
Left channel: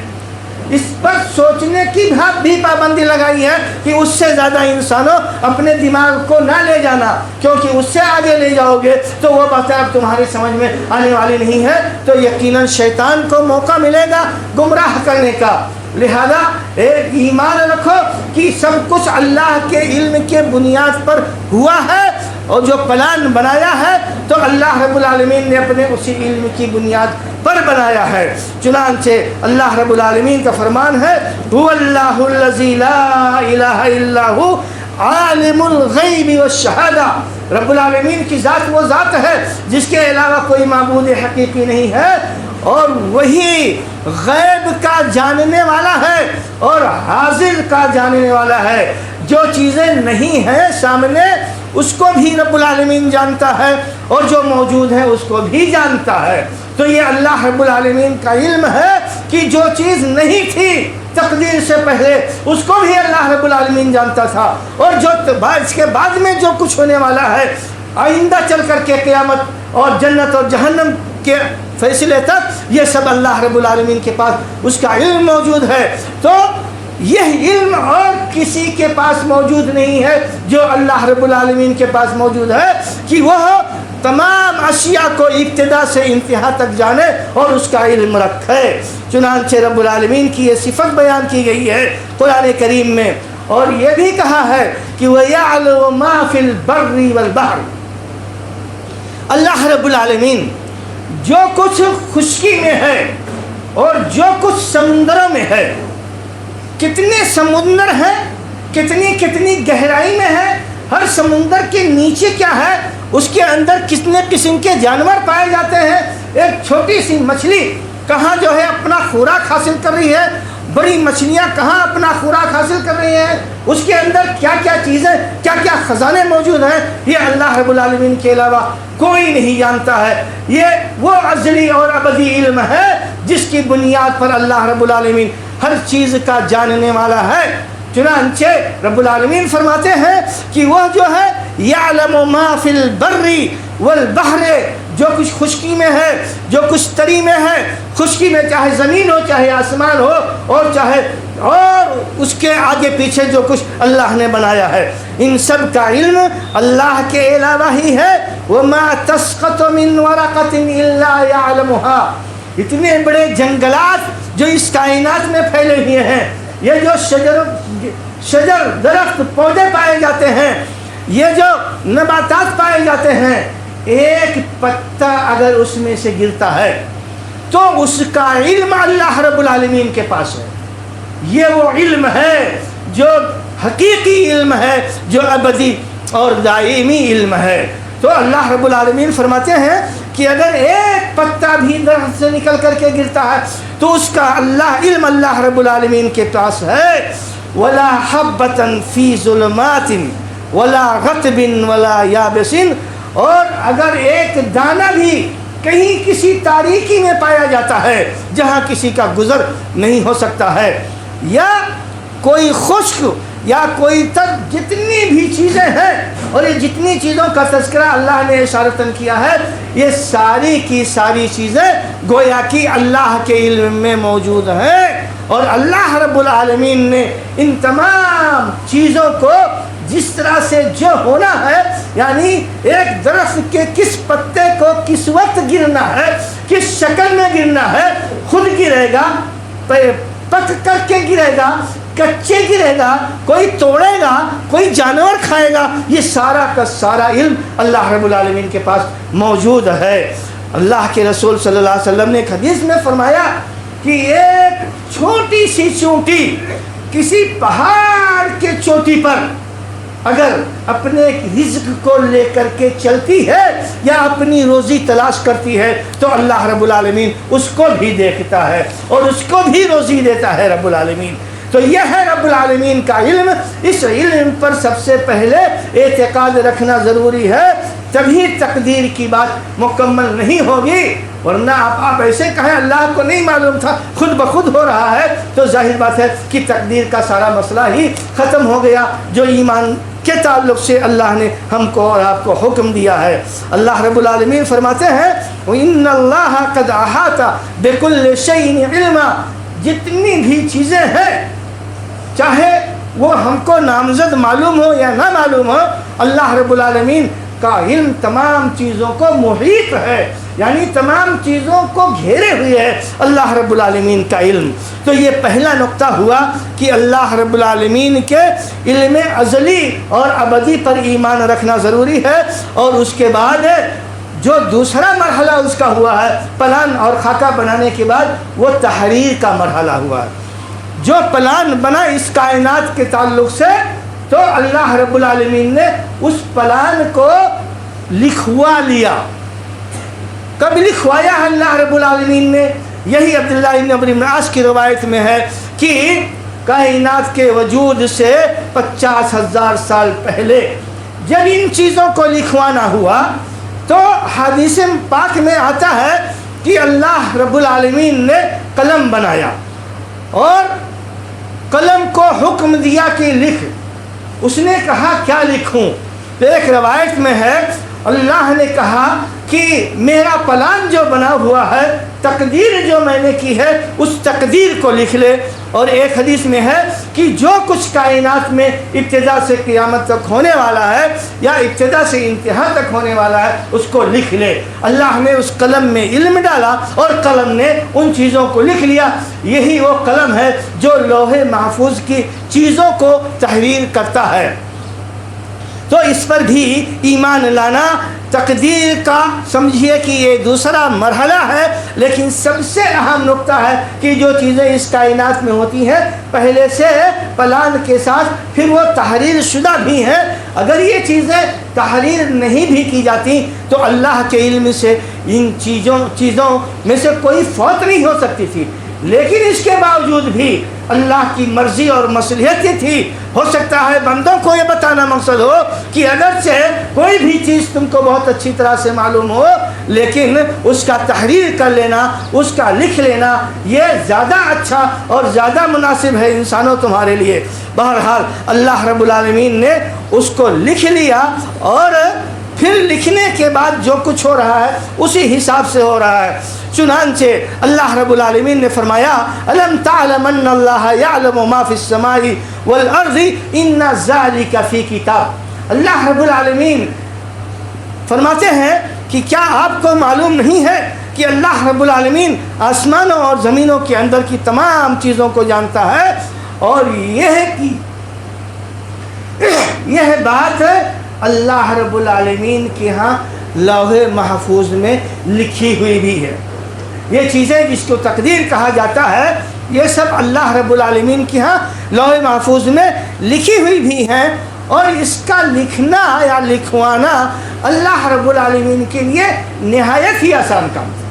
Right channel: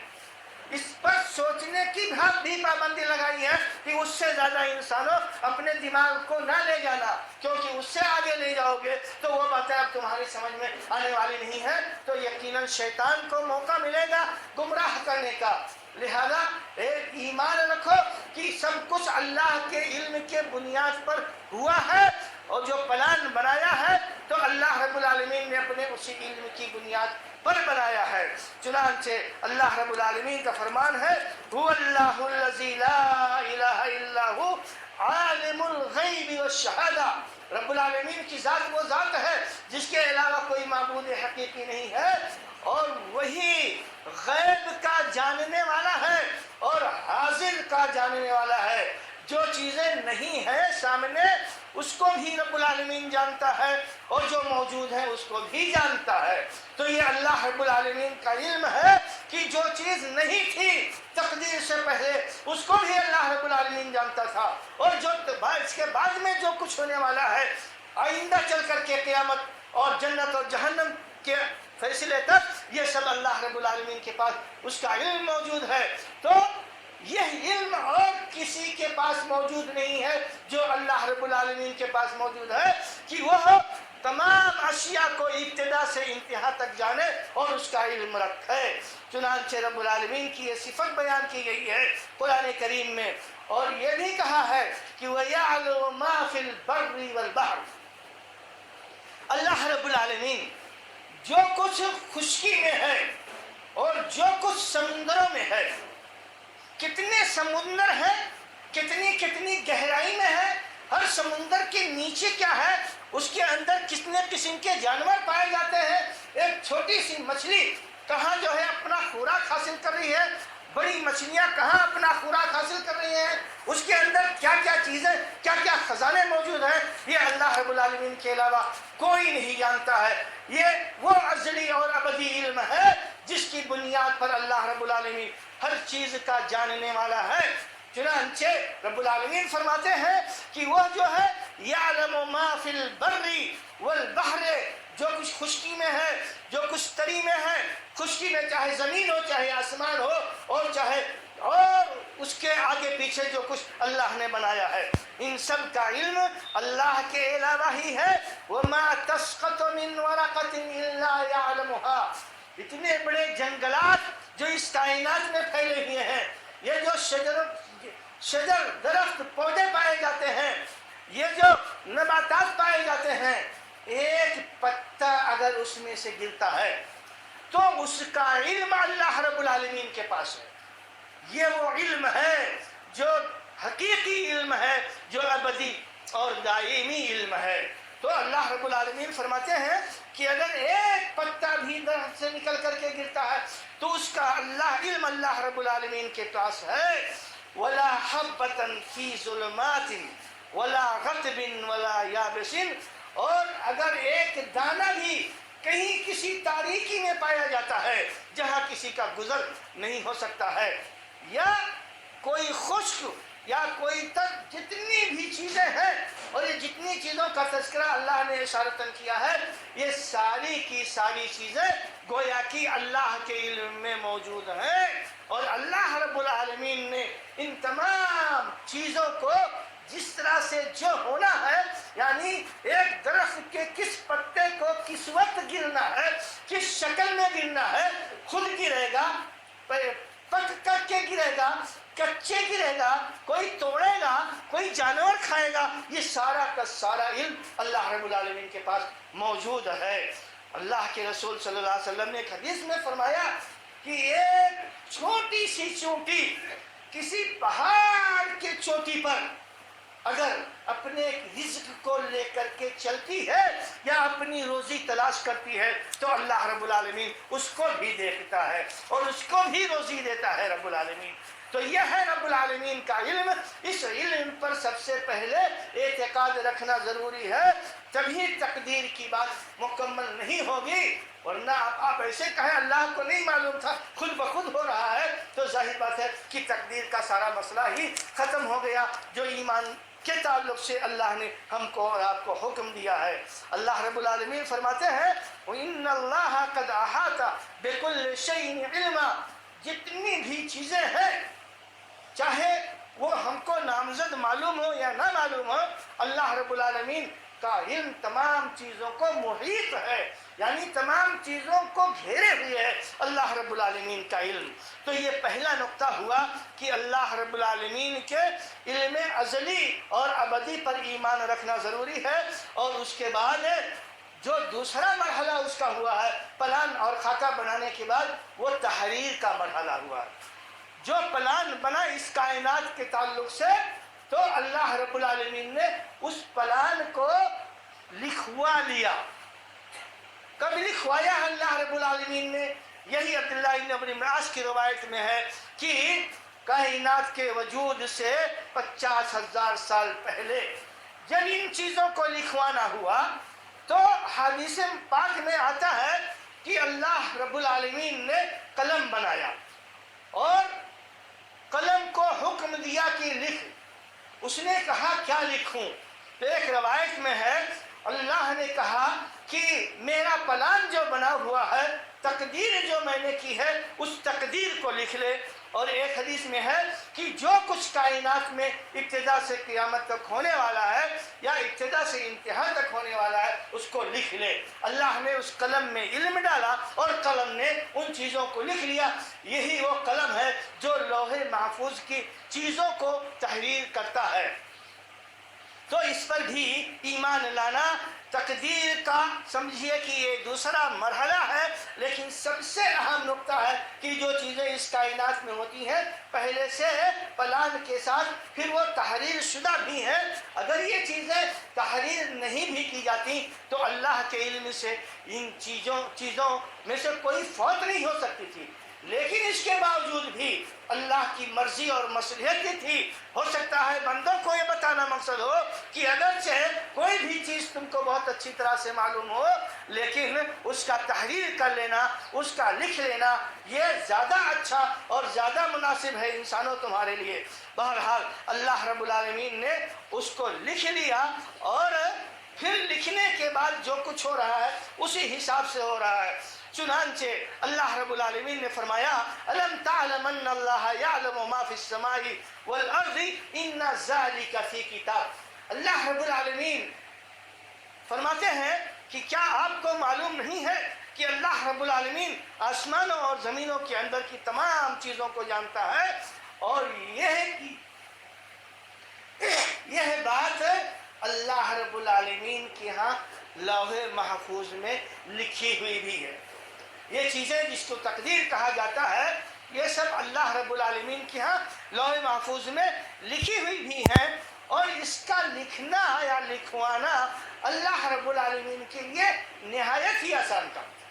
اس پر سوچنے کی بھی پابندی لگائی ہے کہ اس سے زیادہ انسانوں اپنے دماغ کو نہ لے جانا، کیونکہ اس سے آگے لے جاؤ گے تو وہ باتیں اب تمہاری سمجھ میں آنے والی نہیں ہے، تو یقیناً شیطان کو موقع ملے گا گمراہ کرنے کا۔ لہذا ایک ایمان رکھو کہ سب کچھ اللہ کے علم کے بنیاد پر ہوا ہے، اور جو پلان بنایا ہے تو اللہ رب العالمین نے اپنے اسی علم کی بنیاد پر بنایا ہے۔ چنانچہ اللہ رب العالمین کا فرمان ہے هو اللہ الذی لا الہ الا هو عالم الغیب والشہادہ، رب العالمین کی ذات وہ ذات ہے جس کے علاوہ کوئی معبود حقیقی نہیں ہے، اور وہی غیب کا جاننے والا ہے اور حاضر کا جاننے والا ہے، جو چیزیں نہیں ہیں سامنے اس کو بھی رب العالمین جانتا ہے، اور جو موجود ہے اس کو بھی جانتا ہے۔ تو یہ اللہ رب العالمین کا علم ہے کہ جو چیز نہیں تھی تقدیر سے پہلے اس کو بھی اللہ رب العالمین جانتا تھا، اور جو اس کے بعد میں جو کچھ ہونے والا ہے آئندہ چل کر کے قیامت اور جنت اور جہنم کے فیصلے تک، یہ سب اللہ رب العالمین کے پاس اس کا علم موجود ہے۔ تو یہ علم اور کسی کے پاس موجود نہیں ہے جو اللہ رب العالمین کے پاس موجود ہے کہ وہ تمام اشیاء کو ابتدا سے انتہا تک جانے اور اس کا علم رکھے۔ چنانچہ رب العالمین کی یہ صفت بیان کی گئی ہے قرآن کریم میں، اور یہ بھی کہا ہے کہ وَيَعْلَمُ مَا فِي الْبَرِّ وَالْبَحْرِ، اللہ رب العالمین جو کچھ خشکی میں ہے اور جو کچھ سمندروں میں ہے، کتنے سمندر ہیں، کتنی گہرائی میں ہے، ہر سمندر کے نیچے کیا ہے، اس کے اندر کتنے قسم کے جانور پائے جاتے ہیں، ایک چھوٹی سی مچھلی کہاں جو ہے اپنا خوراک حاصل کر رہی ہے، بڑی مچھلیاں کہاں اپنا خوراک حاصل کر رہی ہیں، اس کے اندر کیا کیا چیزیں، کیا کیا خزانے موجود ہیں، یہ اللہ رب العالمین کے علاوہ کوئی نہیں جانتا ہے۔ یہ وہ ازلی اور ابدی علم ہے جس کی بنیاد پر اللہ رب العالمین ہر چیز کا جاننے والا ہے۔ چنانچہ رب العالمین فرماتے ہیں کہ وہ جو ہے یعلم ما فی البر والبحر، جو کچھ خشکی میں ہے، جو کچھ تری میں ہے، خشکی میں چاہے زمین ہو، چاہے آسمان ہو، اور اس کے آگے پیچھے جو کچھ اللہ نے بنایا ہے، ان سب کا علم اللہ کے علاوہ ہی ہے۔ وَمَا تَسْقَطُ مِنْ وَرَقَةٍ إِلَّا يَعْلَمُهَا، اتنے بڑے جنگلات جو اس کائنات میں پھیلے ہوئے ہیں، یہ جو شجر درخت پودے پائے جاتے ہیں، یہ جو نباتات پائے جاتے ہیں، ایک پتا اگر اس میں سے گرتا ہے تو اس کا علم اللہ رب العالمین کے پاس ہے۔ یہ وہ علم ہے جو حقیقی علم ہے، جو ابدی اور دائمی علم ہے۔ تو اللہ رب العالمین فرماتے ہیں کہ اگر ایک پتا بھی درخت سے نکل کر کے گرتا ہے تو اس کا علم اللہ رب العالمین کے پاس ہے۔ وَلَا حَبَّةً فِي ظُلُمَاتٍ وَلَا غَتْبٍ وَلَا يَابِسٍ، اور اگر ایک دانہ بھی کہیں کسی تاریکی میں پایا جاتا ہے جہاں کسی کا گزر نہیں ہو سکتا ہے، یا کوئی خشک یا کوئی تک جتنی بھی چیزیں ہیں، اور یہ جتنی چیزوں کا تذکرہ اللہ نے اشارتاً کیا ہے، یہ ساری کی ساری چیزیں گویا کہ اللہ کے علم میں موجود ہیں، اور اللہ رب العالمین نے ان تمام چیزوں کو جس طرح سے جو ہونا ہے، یعنی ایک درخت کے کس پتے کو کس وقت گرنا ہے، کس شکل میں گرنا ہے، خود گرے گا، پک کر کے گرے گا، کچے گرے گا، کوئی توڑے گا، کوئی جانور کھائے گا، یہ سارا کا سارا علم اللہ رب العالمین کے پاس موجود ہے۔ اللہ کے رسول صلی اللہ علیہ وسلم نے ایک حدیث میں فرمایا کہ ایک چھوٹی سی چونٹی کسی پہاڑ کے چوٹی پر اگر اپنے رزق کو لے کر کے چلتی ہے یا اپنی روزی تلاش کرتی ہے تو اللہ رب العالمین اس کو بھی دیکھتا ہے اور اس کو بھی روزی دیتا ہے رب العالمین۔ تو یہ ہے رب العالمین کا علم۔ اس علم پر سب سے پہلے اعتقاد رکھنا ضروری ہے، تبھی تقدیر کی بات مکمل نہیں ہوگی، ورنہ آپ ایسے کہیں اللہ کو نہیں معلوم تھا، خود بخود ہو رہا ہے، تو ظاہر بات ہے کہ تقدیر کا سارا مسئلہ ہی ختم ہو گیا جو ایمان کے تعلق سے اللہ نے ہم کو اور آپ کو حکم دیا ہے۔ اللہ رب العالمین فرماتے ہیں وَإِنَّ اللَّهَ قَدْ أَحَاطَ بِكُلِّ شَيْءٍ عِلْمًا، جتنی بھی چیزیں ہیں چاہے وہ ہم کو نامزد معلوم ہو یا نہ معلوم ہو، اللہ رب العالمین کا علم تمام چیزوں کو محیط ہے، یعنی تمام چیزوں کو گھیرے ہوئے ہے اللہ رب العالمین کا علم۔ تو یہ پہلا نقطہ ہوا کہ اللہ رب العالمین کے علم ازلی اور ابدی پر ایمان رکھنا ضروری ہے، اور اس کے بعد جو دوسرا مرحلہ اس کا ہوا ہے پلان اور خاکہ بنانے کے بعد، وہ تحریر کا مرحلہ ہوا ہے۔ جو پلان بنا اس کائنات کے تعلق سے، تو اللہ رب العالمین نے اس پلان کو لکھوا لیا۔ کب لکھوایا ہے اللہ رب العالمین نے؟ یہی عبداللہ بن عمرو بن عاص کی روایت میں ہے کہ کائنات کے وجود سے 50,000 سال پہلے جب ان چیزوں کو لکھوانا ہوا تو حدیث پاک میں آتا ہے کہ اللہ رب العالمین نے قلم بنایا اور قلم کو حکم دیا کہ لکھ۔ اس نے کہا کیا لکھوں؟ تو ایک روایت میں ہے اللہ نے کہا کہ میرا پلان جو بنا ہوا ہے، تقدیر جو میں نے کی ہے، اس تقدیر کو لکھ لے۔ اور ایک حدیث میں ہے کہ جو کچھ کائنات میں ابتدا سے قیامت تک ہونے والا ہے یا ابتدا سے انتہا تک ہونے والا ہے، اس کو لکھ لے۔ اللہ نے اس قلم میں علم ڈالا اور قلم نے ان چیزوں کو لکھ لیا۔ یہی وہ قلم ہے جو لوح محفوظ کی چیزوں کو تحریر کرتا ہے۔ تو اس پر بھی ایمان لانا، تقدیر کا سمجھیے کہ یہ دوسرا مرحلہ ہے، لیکن سب سے اہم نقطہ ہے کہ جو چیزیں اس کائنات میں ہوتی ہیں پہلے سے پلان کے ساتھ، پھر وہ تحریر شدہ بھی ہیں۔ اگر یہ چیزیں تحریر نہیں بھی کی جاتی تو اللہ کے علم سے ان چیزوں میں سے کوئی فوت نہیں ہو سکتی تھی، لیکن اس کے باوجود بھی اللہ کی مرضی اور مصلحت یہ تھی۔ ہو سکتا ہے بندوں کو یہ بتانا مقصد ہو کہ اگرچہ کوئی بھی چیز تم کو بہت اچھی طرح سے معلوم ہو، لیکن اس کا تحریر کر لینا، اس کا لکھ لینا، یہ زیادہ اچھا اور زیادہ مناسب ہے انسانوں تمہارے لیے۔ بہرحال اللہ رب العالمین نے اس کو لکھ لیا، اور پھر لکھنے کے بعد جو کچھ ہو رہا ہے اسی حساب سے ہو رہا ہے۔ چنانچہ اللہ رب العالمین نے فرمایا الم تعلم ان اللہ یعلم ما فی السماء والارض ان ذلک فی کتاب۔ اللہ رب العالمین فرماتے ہیں کہ کیا آپ کو معلوم نہیں ہے کہ اللہ رب العالمین آسمانوں اور زمینوں کے اندر کی تمام چیزوں کو جانتا ہے، اور یہ بات اللہ رب العالمین کے ہاں لوح محفوظ میں لکھی ہوئی بھی ہے۔ یہ چیزیں جس کو تقدیر کہا جاتا ہے، یہ سب اللہ رب العالمین کے ہاں لوح محفوظ میں لکھی ہوئی بھی ہیں، اور اس کا لکھنا یا لکھوانا اللہ رب العالمین کے لیے نہایت ہی آسان کام ہے۔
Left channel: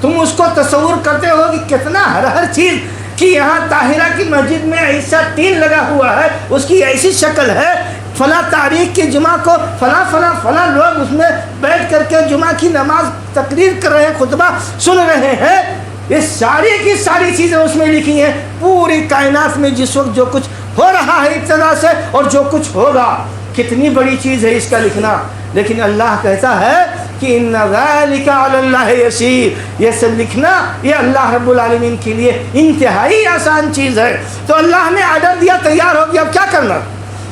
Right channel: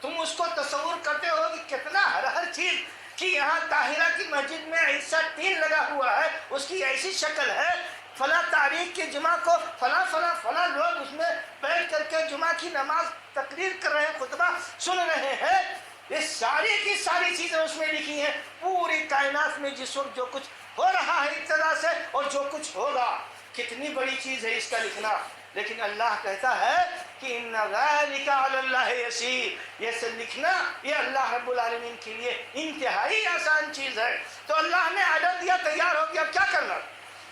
تم اس کو تصور کرتے ہو کہ کتنا ہر چیز کہ یہاں طاہرہ کی مسجد میں ایسا ٹین لگا ہوا ہے، اس کی ایسی شکل ہے، فلاں تاریخ کے جمعہ کو فلاں لوگ اس میں بیٹھ کر کے جمعہ کی نماز تقریر کر رہے ہیں، خطبہ سن رہے ہیں۔ یہ ساری کی ساری چیزیں اس میں لکھی ہیں۔ پوری کائنات میں جس وقت جو کچھ ہو رہا ہے ابتدا سے اور جو کچھ ہوگا. کتنی بڑی چیز ہے اس کا لکھنا. لیکن اللہ کہتا ہے کہ ان ذالک علی اللہ یسیر، یہ سب لکھنا یہ اللہ رب العالمین کے لیے انتہائی آسان چیز ہے. تو اللہ نے آرڈر دیا، تیار ہو گیا، اب کیا کرنا؟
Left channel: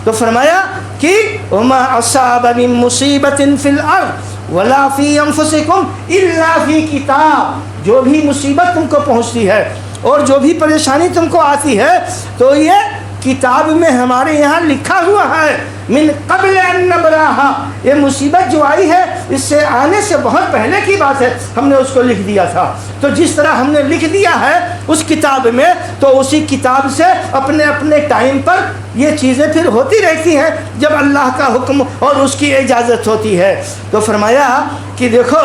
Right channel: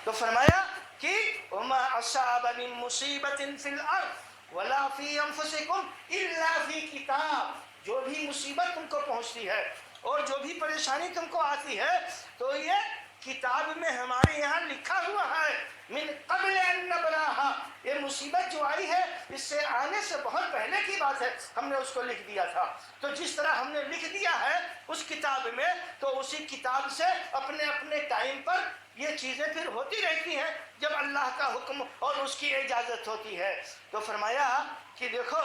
تو فرمایا کہ وما اصاب من مصیبت فی الارض ولا فی انفسکم الا فی کتاب. جو بھی مصیبت تم کو پہنچتی ہے اور جو بھی پریشانی تم کو آتی ہے تو یہ کتاب میں ہمارے یہاں لکھا ہوا ہے. من قبل ان نبراہا، یہ مصیبت جو آئی ہے اس سے آنے سے بہت پہلے کی بات ہے، ہم نے اس کو لکھ دیا تھا. تو جس طرح ہم نے لکھ دیا ہے اس کتاب میں، تو اسی کتاب سے اپنے اپنے ٹائم پر یہ چیزیں پھر ہوتی رہتی ہیں جب اللہ کا حکم اور اس کی اجازت ہوتی ہے. تو فرمایا کہ دیکھو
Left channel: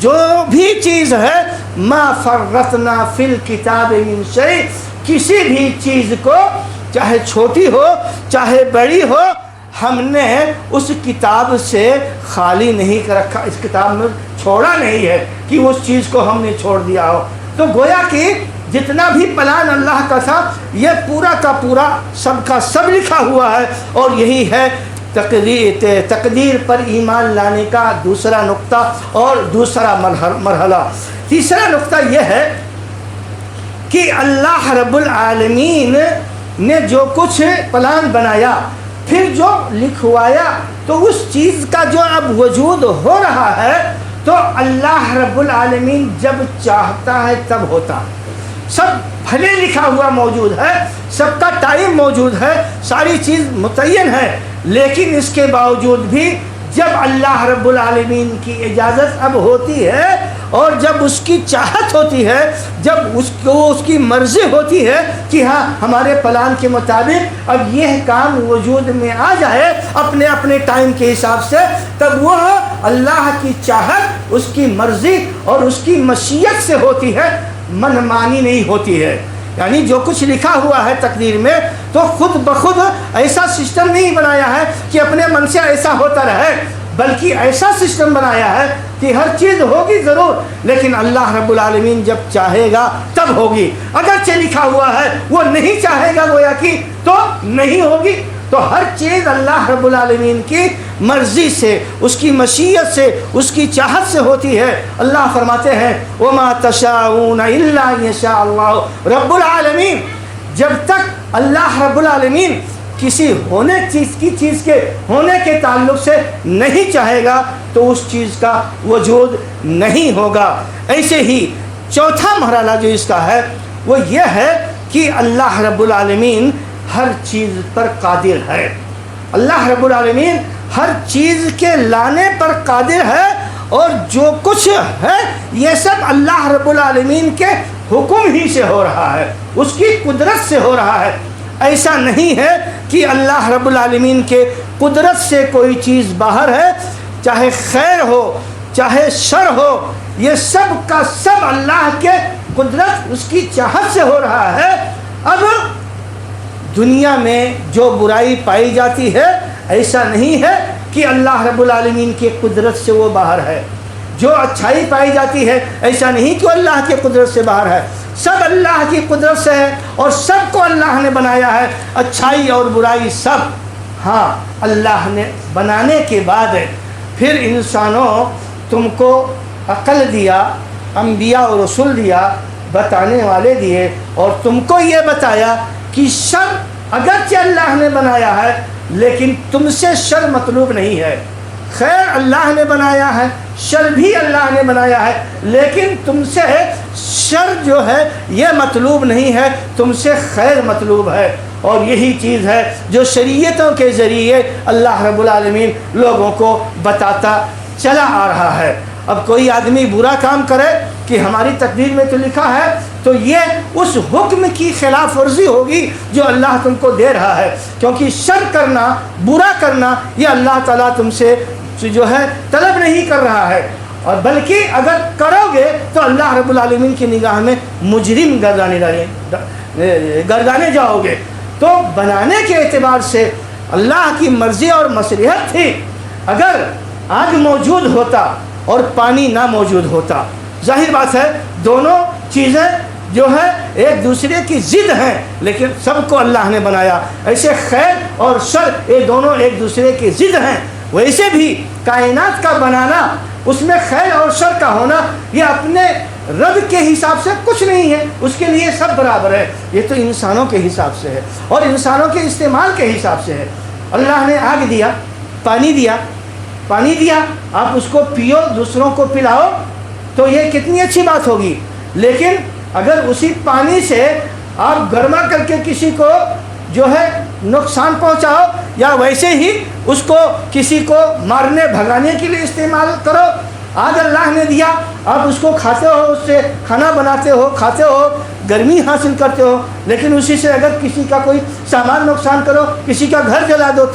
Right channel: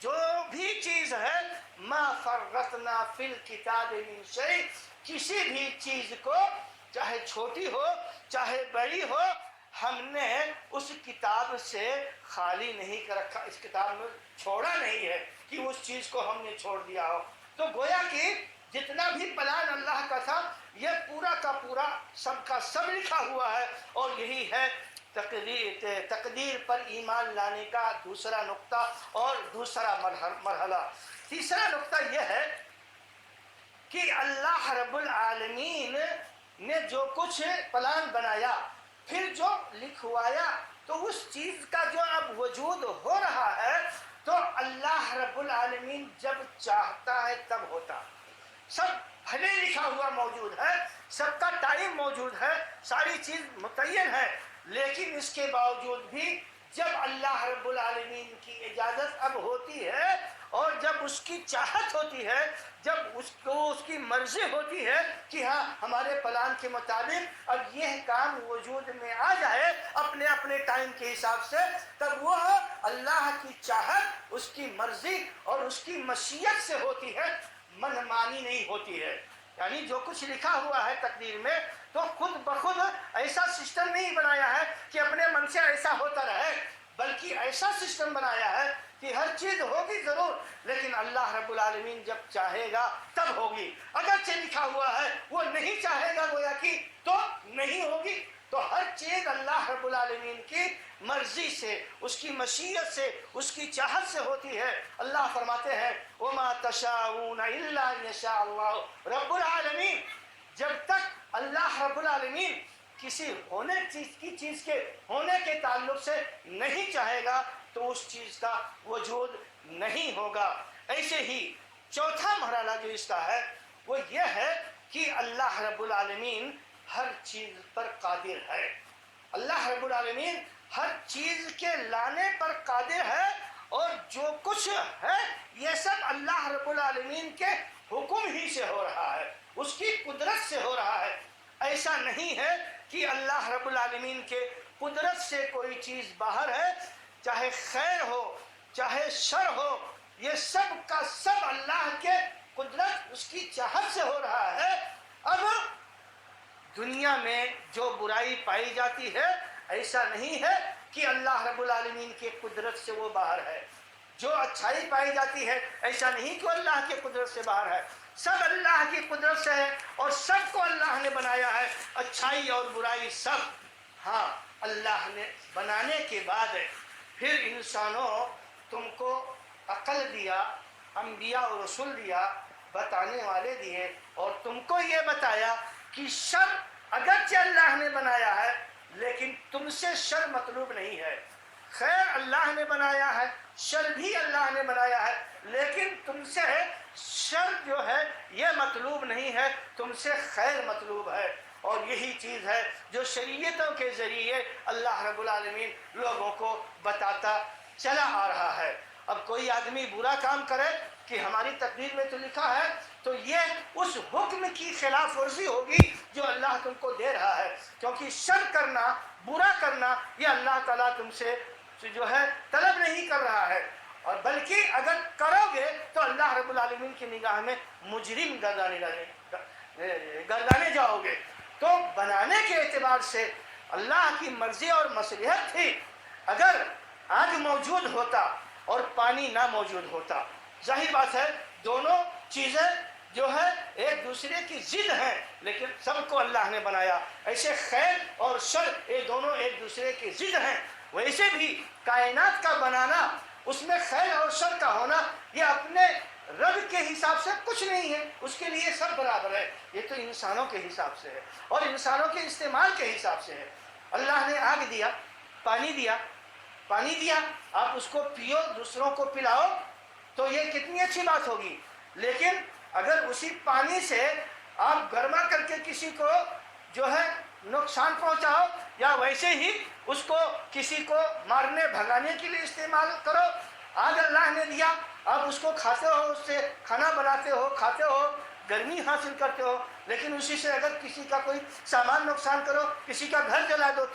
جو بھی چیز ہے ما فرطنا فی الکتاب من شیء، کسی بھی چیز کو چاہے چھوٹی ہو چاہے بڑی ہو ہم نے اس کتاب سے خالی نہیں کر رکھا، اس کتاب میں چھوڑا نہیں ہے کہ اس چیز کو ہم نے چھوڑ دیا ہو. تو گویا کہ جتنا بھی پلان اللہ کا تھا یہ پورا کا پورا سب کا سب لکھا ہوا ہے. اور یہی ہے تقدیر پر ایمان لانے کا دوسرا نقطہ اور دوسرا مرحلہ. تیسرا نقطہ یہ ہے کہ اللہ رب العالمین نے جو کچھ پلان بنایا پھر جو لکھوایا تو اس چیز کا جو اب وجود ہو رہا ہے تو اللہ رب العالمین جب چاہتا ہے تب ہوتا. سب بھلے لکھا ہوا موجود ہے، سب کا ٹائم موجود ہے، ساری چیز متعین ہے، لیکن اس کے باوجود بھی جب اللہ رب العالمین کی اجازت اب ہوتی ہے اور جب اس کی چاہت ہوتی ہے، جب اس کی مرضی ہوتی ہے کہ ہاں ہمارے پلان کے مطابق اب یہ کام وجود میں آ جائے اپنے اپنے ٹائم کے حساب سے، تب وہ اللہ کی چاہت، اس کی مرضی اور اس کی مشیت سے ہوتی ہے، من مانی نہیں ہوتی ہے. یعنی جو کچھ لکھا ہوا ہے تقدیر میں تو خود بخود ایسا سسٹم نہیں بنایا ہے کہ اپنے من سے ایسا ہوتا رہے، بلکہ ایسا سسٹم بنایا ہے کہ ہر چیز ہوگی ضرور، لیکن اللہ رب العالمین جب چاہے گا تب ہوگی. اگرچہ لکھا ہوا ہے وہ نہیں چاہے گا گویا کہ تو نہیں ہوگی. تو ہر چیز اللہ رب العالمین کی مرضی سے، اس کی مشیت سے، اس کی چاہت سے ہوتی ہے. اللہ فرماتے ہیں وَمَا تَشَاءُونَ إِلَّا أَن يَشَاءَ اللَّهُ رب العالمین. جب تک اللہ رب العالمین کسی چیز کے ہونے کے تعلق سے نہیں چاہے گا تو اس چیز کا وجود نہیں ہوگا. ایسے ہی چوتھا مرحلہ جو اس کا ہے وہ یہ ہے کہ اللہ رب العالمین ہر چیز پر قادر ہے. اللہ رب العالمین ہر چیز کے لانے پر قادر ہے اور جو کچھ ہے یہ سب اللہ رب العالمین کے حکم ہی سے ہو رہا ہے، اس کی قدرت سے ہو رہا ہے. ایسا نہیں ہے کہ اللہ رب العالمین کے قدرت سے کوئی چیز باہر ہے، چاہے خیر ہو چاہے شر ہو، یہ سب کا سب اللہ کے قدرت، اس کی چاہت سے ہو رہا ہے. اب دنیا میں جو برائی پائی جاتی ہے ایسا نہیں ہے کہ اللہ رب العالمین کی قدرت سے وہ باہر ہے. جو اچھائی پائی جاتی ہے ایسا نہیں کہ اللہ کی قدرت سے باہر ہے، سب اللہ کی قدرت سے ہے اور سب کو اللہ نے بنایا ہے، اچھائی اور برائی سب. ہاں اللہ نے بنانے کے بعد پھر انسانوں تم کو عقل دیا، انبیاء اور رسول دیا، بتانے والے دیے، اور تم کو یہ بتایا کہ شر اگرچہ اللہ نے بنایا ہے لیکن تم سے شر مطلوب نہیں ہے. خیر اللہ نے بنایا ہے، شر بھی اللہ نے بنایا ہے، لیکن تم سے شر جو ہے یہ مطلوب نہیں ہے، تم سے خیر مطلوب ہے. اور یہی چیز ہے جو شریعتوں کے ذریعے اللہ رب العالمین لوگوں کو بتاتا چلا آ رہا ہے. اب کوئی آدمی برا کام کرے کہ ہماری تقدیر میں تو لکھا ہے، تو یہ اس حکم کی خلاف ورزی ہوگی جو اللہ تم کو دے رہا ہے، کیونکہ شر کرنا، برا کرنا یہ اللہ تعالیٰ تم سے جو ہے طلب نہیں کر رہا ہے، اور بلکہ اگر کرو گے تو اللہ رب العالمین کی نگاہ میں مجرم گردانے جاؤ گے. تو بنانے کے اعتبار سے اللہ کی مرضی اور مصلحت تھی. اگر آگ موجود ہوتا اور پانی نہ موجود ہوتا، ظاہر بات ہے دونوں چیزیں جو ہے ایک دوسرے کی ضد ہیں، لیکن سب کو اللہ نے بنایا۔ ایسے خیر اور شر یہ دونوں ایک دوسرے کی ضد ہیں، ویسے بھی کائنات کا بنانا، اس میں خیر اور شر کا ہونا، یہ اپنے رب کے حساب سے کچھ نہیں ہے، اس کے لیے سب برابر ہے۔ یہ تو انسانوں کے حساب سے ہے اور انسانوں کے استعمال کے حساب سے ہے۔ اللہ نے آگ دیا، پانی دیا، آپ اس کو پیو، دوسروں کو پلاؤ، تو یہ کتنی اچھی بات ہوگی۔ لیکن اگر اسی پانی سے آپ گرما کر کے کسی کو جو ہے نقصان پہنچاؤ، یا ویسے ہی اس کو کسی کو مارنے بھگانے کے لیے استعمال کرو، آج اللہ نے دیا، آپ اس کو کھاتے ہو، اس سے کھانا بناتے ہو، کھاتے ہو، گرمی حاصل کرتے ہو، لیکن اسی سے اگر کسی کا کوئی سامان نقصان کرو، کسی کا گھر جلا دو،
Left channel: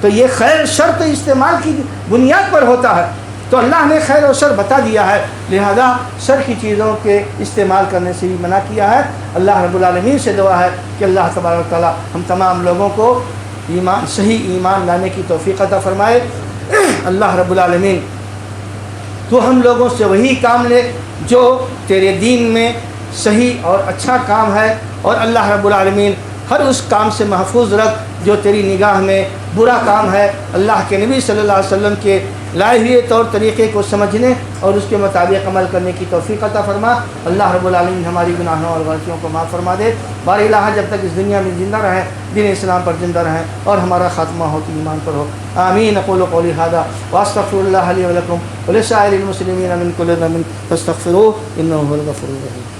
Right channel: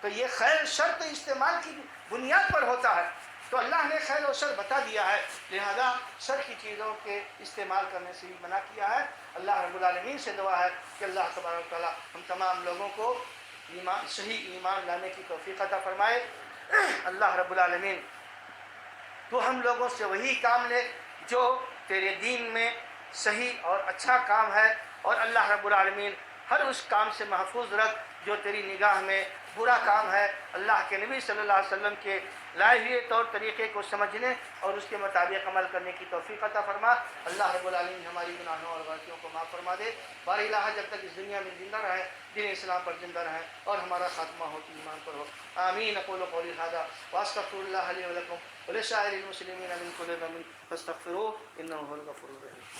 تو یہ خیر شر تو استعمال کی بنیاد پر ہوتا ہے۔ تو اللہ نے خیر اور شر بتا دیا ہے، لہذا شر کی چیزوں کے استعمال کرنے سے بھی منع کیا ہے۔ اللہ رب العالمین سے دعا ہے کہ اللہ تبارک و تعالی ہم تمام لوگوں کو صحیح ایمان لانے کی توفیق عطا فرمائے۔ اللہ رب العالمین تو ہم لوگوں سے وہی کام لے جو تیرے دین میں صحیح اور اچھا کام ہے، اور اللہ رب العالمین ہر اس کام سے محفوظ رکھ جو تیری نگاہ میں برا کام ہے۔ اللہ کے نبی صلی اللہ علیہ وسلم کے لائے ہوئے طور طریقے کو سمجھنے اور اس کے مطابق عمل کرنے کی توفیق عطا فرما۔ اللہ رب العالمین ہماری گناہوں اور غلطیوں کو معاف فرما دے۔ بار الہ جب تک اس دنیا میں زندہ رہیں، دین اسلام پر زندہ رہیں اور ہمارا خاتمہ ہو تو ایمان پر ہو۔ آمین۔ اقول قولی ھذا واستغفر اللہ لی ولکم ولسائر المسلمین من کل ذنب فاستغفروہ انہ ھو الغفور الرحیم۔